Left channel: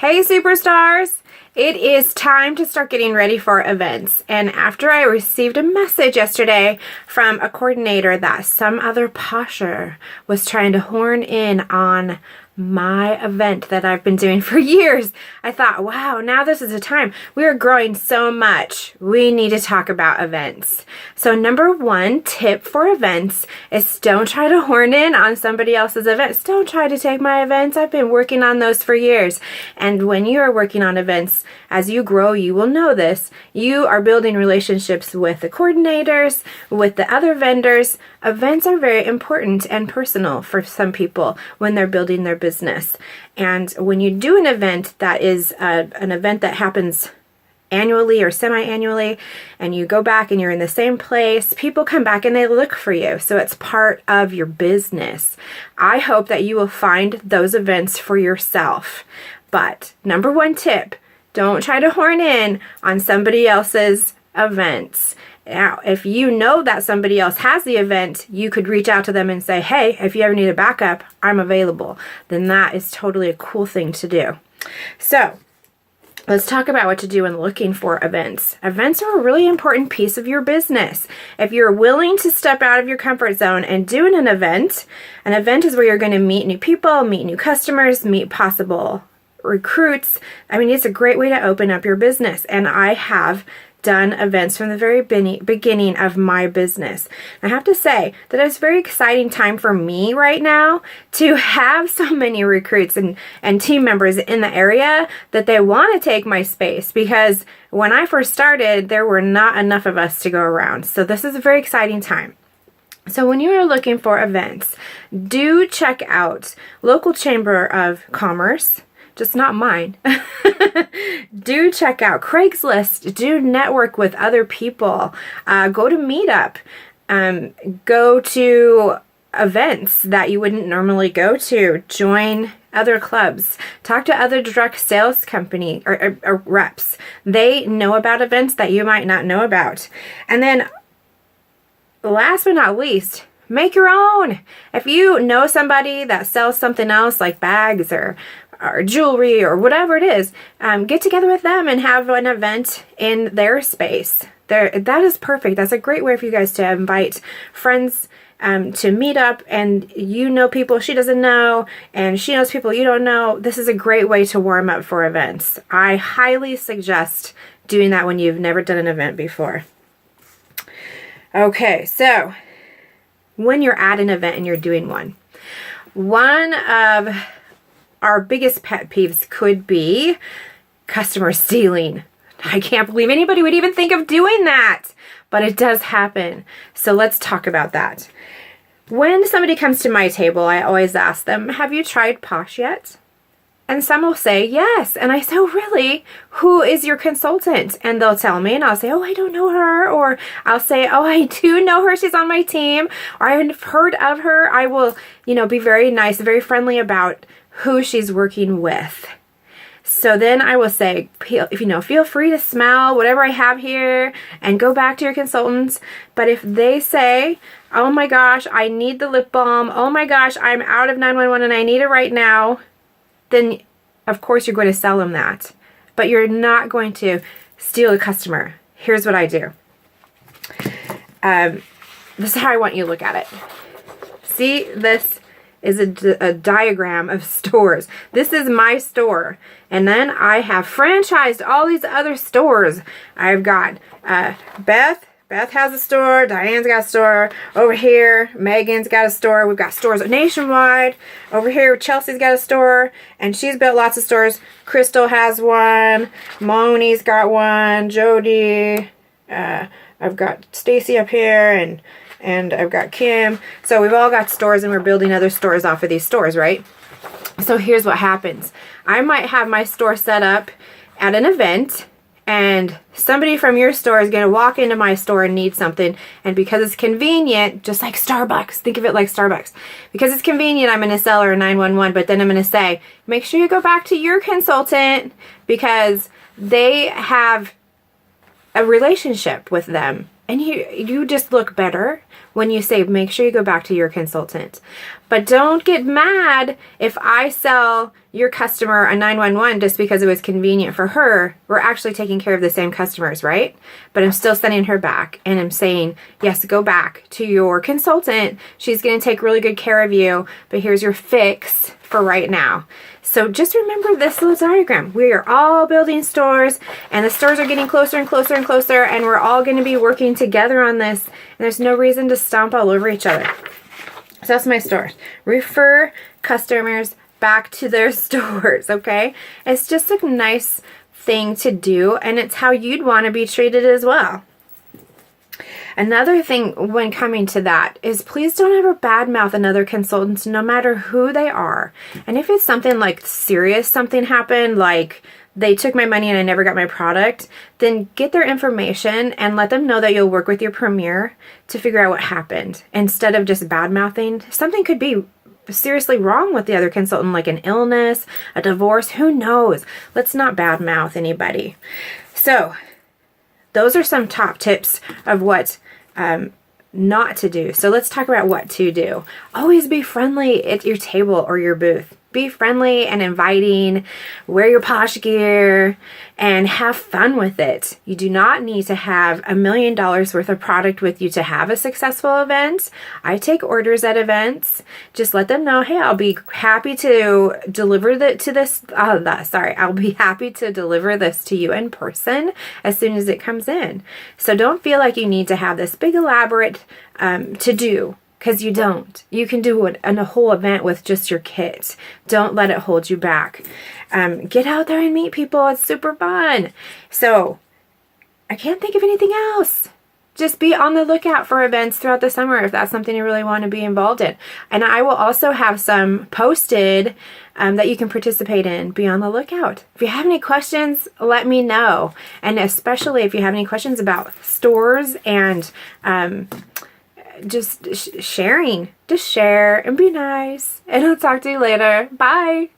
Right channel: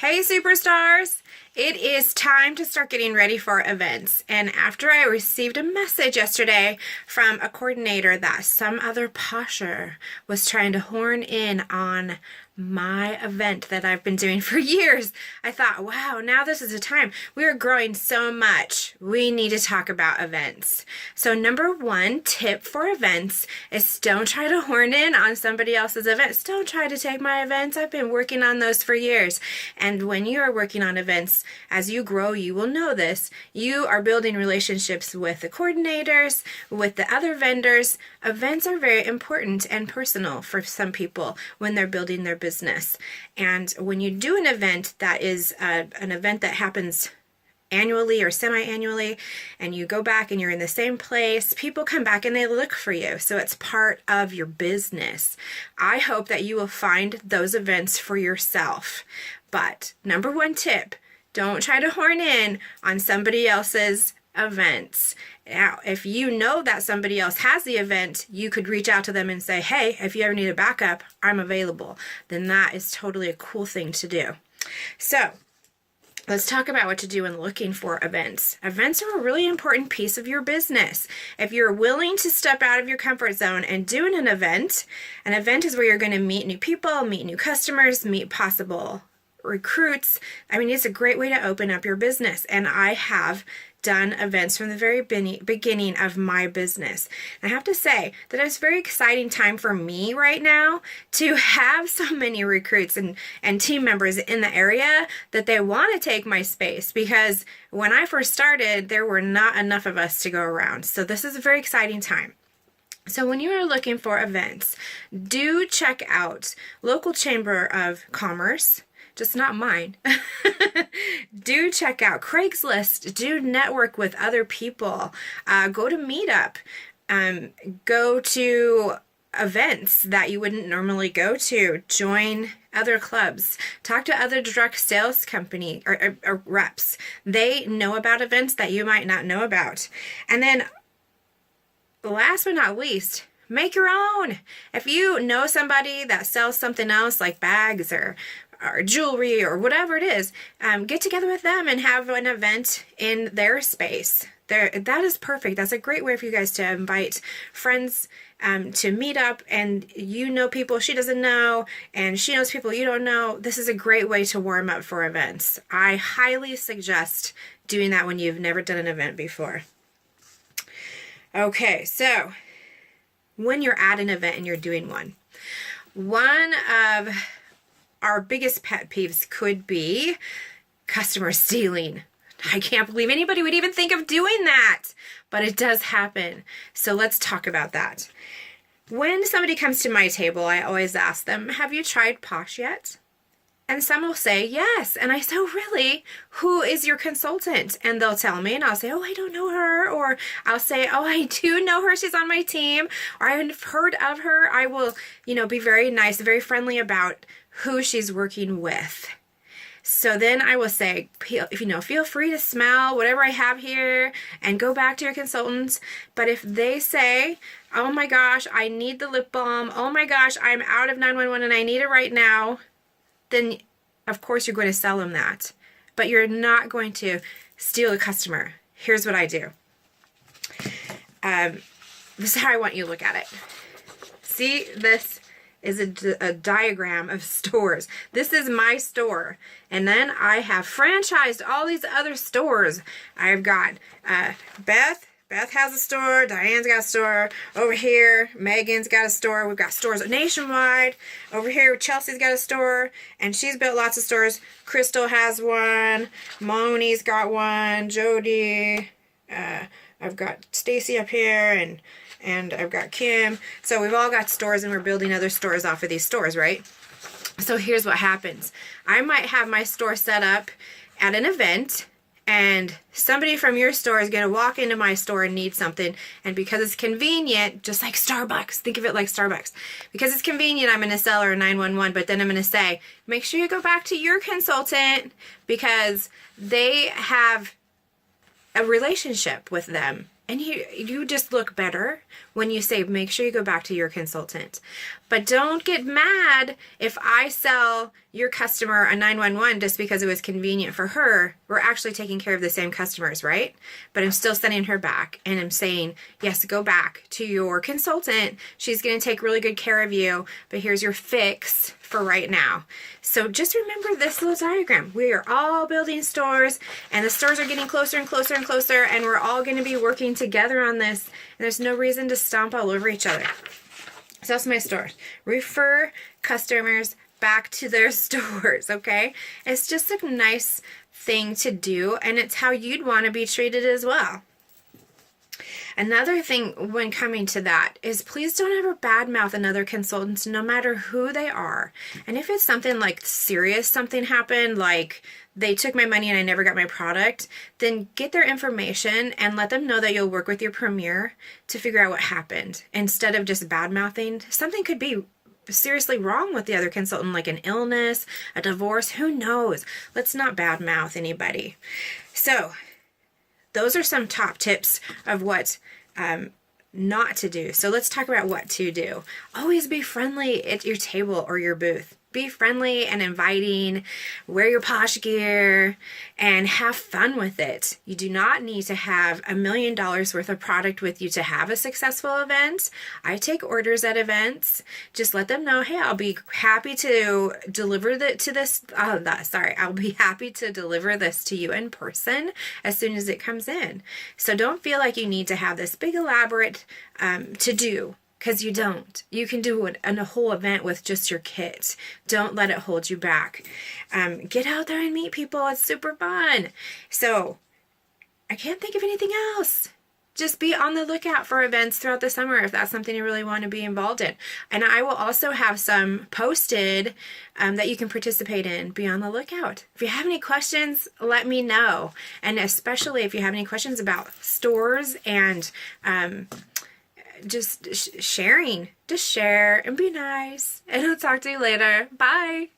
Hey superstars! It is time to start getting ready for events. And after I received a message yesterday from a coordinator that some other posher was trying to horn in on my event that I've been doing for years, I thought, wow, now this is the time. We are growing so much. We need to talk about events. So number one tip for events is don't try to horn in on somebody else's events. Don't try to take my events. I've been working on those for years. And when you are working on events, as you grow, you will know this. You are building relationships with the coordinators, with the other vendors. Events are very important and personal for some people when they're building their business. And when you do an event that is an event that happens annually or semi-annually, and you go back and you're in the same place, people come back and they look for you. So it's part of your business. I hope that you will find those events for yourself. But number one tip, don't try to horn in on somebody else's events. Now, if you know that somebody else has the event, you could reach out to them and say, hey, if you ever need a backup, I'm available. Then that is totally a cool thing to do. So let's talk about what to do when looking for events. Events are a really important piece of your business. If you're willing to step out of your comfort zone and do an event is where you're going to meet new people, meet new customers, meet possible recruits. I mean, it's a great way to open up your business. And I have done events from the very beginning of my business. I have to say that it's a very exciting time for me right now to have so many recruits and team members in the area that they want to take my space, because when I first started, there were not enough of us to go around. So this is a very exciting time. So when you are looking for events, do check out local chamber of commerce, just not mine. Do check out Craigslist. Do network with other people. Go to Meetup. Go to events that you wouldn't normally go to. Join other clubs. Talk to other direct sales company or reps. They know about events that you might not know about. And then last but not least, make your own. If you know somebody that sells something else like bags or jewelry or whatever it is, get together with them and have an event in their space. That is perfect. That's a great way for you guys to invite friends to meet up, and you know people she doesn't know, and she knows people you don't know. This is a great way to warm up for events. I highly suggest doing that when you've never done an event before. Okay, so when you're at an event and you're doing one of our biggest pet peeves could be customer stealing. I can't believe anybody would even think of doing that, but it does happen. So let's talk about that. When somebody comes to my table, I always ask them, have you tried Posh yet? And some will say, yes. And I say, oh, really? Who is your consultant? And they'll tell me, and I'll say, oh, I don't know her. Or I'll say, oh, I do know her. She's on my team. Or I've heard of her. I will, be very nice, very friendly about who she's working with. So then I will say, feel free to smell whatever I have here and go back to your consultants. But if they say, oh my gosh, I need the lip balm. Oh my gosh, I'm out of 911 and I need it right now. Then of course you're going to sell them that. But you're not going to steal a customer. Here's what I do. This is how I want you to look at it. See, this is a diagram of stores. This is my store. And then I have franchised all these other stores. I've got Beth has a store. Diane's got a store. Over here, Megan's got a store. We've got stores nationwide. Over here, Chelsea's got a store. And she's built lots of stores. Crystal has one. Moni's got one. Jody. I've got Stacy up here. And I've got Kim. So we've all got stores, and we're building other stores off of these stores, right? So here's what happens. I might have my store set up at an event, and somebody from your store is going to walk into my store and need something. And because it's convenient, just like Starbucks, think of it like Starbucks. Because it's convenient, I'm going to sell her a 911, but then I'm going to say, make sure you go back to your consultant because they have a relationship with them. And you just look better when you save. Make sure you go back to your consultant. But don't get mad if I sell your customer a 911 just because it was convenient for her. We're actually taking care of the same customers, right? But I'm still sending her back, and I'm saying, yes, go back to your consultant. She's going to take really good care of you, but here's your fix for right now. So just remember this little diagram. We are all building stores, and the stores are getting closer and closer and closer, and we're all going to be working together on this, and there's no reason to stomp all over each other. So that's my store. Refer customers back to their stores, okay? It's just a nice thing to do, and it's how you'd want to be treated as well. Another thing when coming to that is please don't ever badmouth another consultant, no matter who they are. And if it's something like serious, something happened, like they took my money and I never got my product, then get their information and let them know that you'll work with your premier to figure out what happened. Instead of just bad-mouthing, something could be seriously wrong with the other consultant, like an illness, a divorce, who knows? Let's not bad-mouth anybody. So those are some top tips of what not to do. So let's talk about what to do. Always be friendly at your table or your booth. Be friendly and inviting, wear your posh gear, and have fun with it. You do not need to have $1 million worth of product with you to have a successful event. I take orders at events. Just let them know, hey, I'll be happy to deliver I'll be happy to deliver this to you in person as soon as it comes in. So don't feel like you need to have this big elaborate to-do. Because you don't. You can do a whole event with just your kit. Don't let it hold you back. Get out there and meet people. It's super fun. So I can't think of anything else. Just be on the lookout for events throughout the summer if that's something you really want to be involved in. And I will also have some posted that you can participate in. Be on the lookout. If you have any questions, let me know. And especially if you have any questions about stores and just sharing. Just share and be nice. And I'll talk to you later. Bye.